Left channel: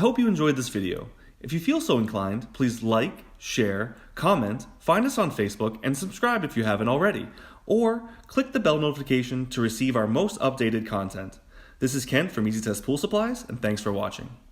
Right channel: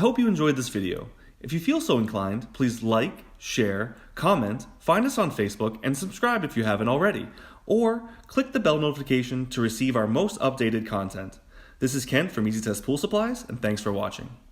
I hope you enjoyed this video. If you feel so inclined, please like, share, comment, find us on Facebook, and subscribe if you haven't already. Or click the bell notification to receive our most updated content. This is Kent from Easy Test Pool Supplies, and thanks for watching.